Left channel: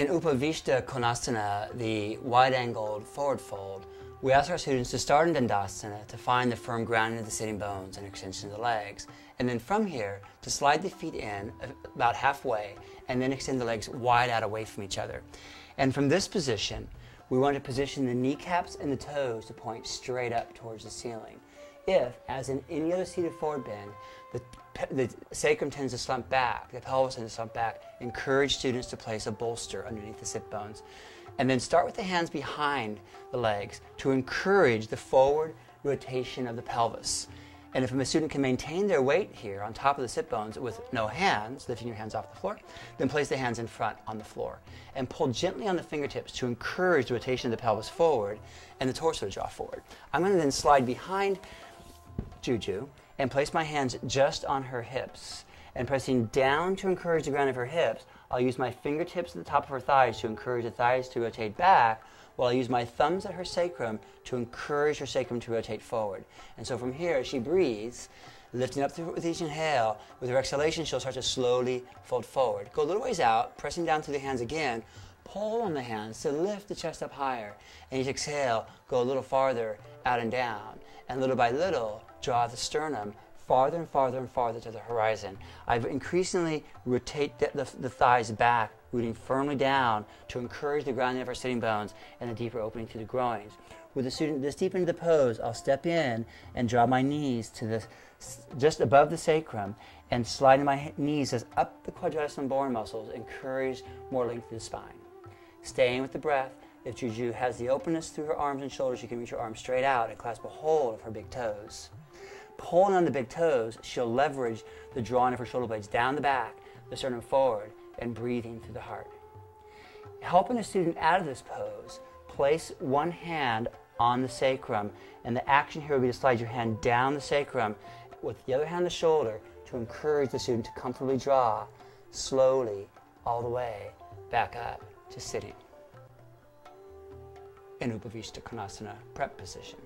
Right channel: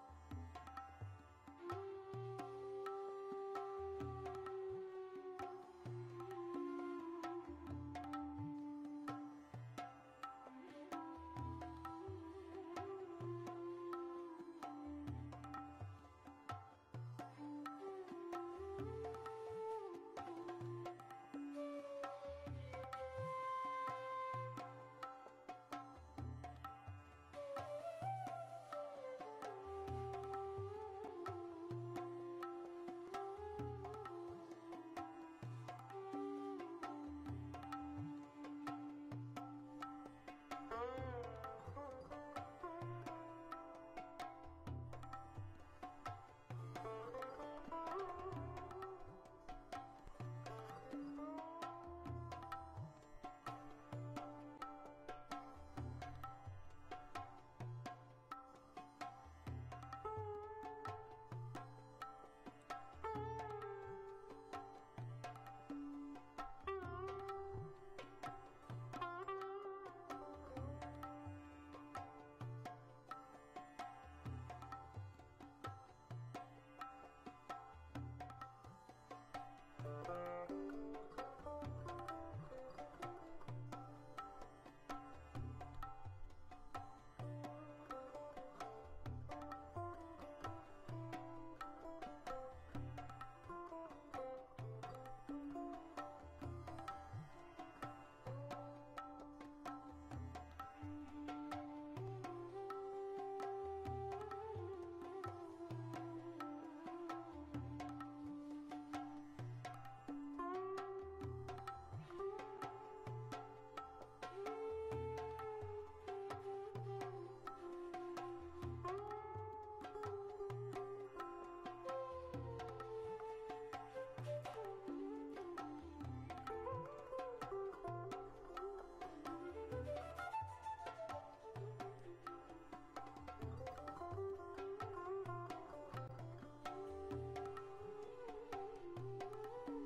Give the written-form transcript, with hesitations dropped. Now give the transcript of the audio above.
In Upa Vista Konasana, the wide-angled forward fold, we ask our students to start in Dandasana to find the firm grounding of the sitting bones and extension of the legs, and then from here to slide the feet in about halfway and then extend the legs wide out away from each other. And from this position, we want to position the kneecaps and the toes to point straight up towards the ceiling. If, as in any other seated forward bend, the sacrum tends to slump back, the pelvis tends to slump back, encourage students to place a bolster underneath the sit bones. And then start with the hands behind the legs to encourage the forward rotation of the pelvis. And if a student can maintain their weight here on top of the sit bones with no hands, lifting your hands off the floor, then place the hands in front on the floor. And pull gently on the fingertips to encourage the rotation of the pelvis forward and the torso to draw forward. I'm going to then slide behind Juju and place my hands just on her hips. And pressing down to encourage the ground of her hips, I'll use my fingertips at the top of her thighs to encourage the thighs to rotate back, while I use my thumbs at her sacrum to encourage her sacrum to rotate forward. And so from here, as she breathes, lifting up with each inhale, with her exhalation, she'll start to slowly fold forward. Go a little ways out, pressing down through the hands again, pull on the hands to lift the chest up higher. And each exhale, go a little farther out and down. And little by little, draw the sternum farther and farther and farther to the horizon. I increasingly rotate the thighs back, rooting firmly down to encourage the grounding of our sitting bones and a deeper opening to the groins. With the student this deep into the pose, I'll step in and draw my knees to just above the sacrum and sliding my knees as up the quadratus lumborum muscles, encourage more length in the spine. Staying with the breath. If Juju has the openness through her arms and shoulders, you can reach her arms straight out and clasp a hold of her big toes. Pulling on the big toes, she'll leverage the drawing of her shoulder blades down the back, the sternum forward, and breathing through the heart. Helping the student out of this pose, place one hand on the sacrum, and the action here will be to slide your hand down the sacrum with the other hand on the shoulder to encourage the student to comfortably draw slowly all the way back up to sitting in Upa Vista Konasana prep position.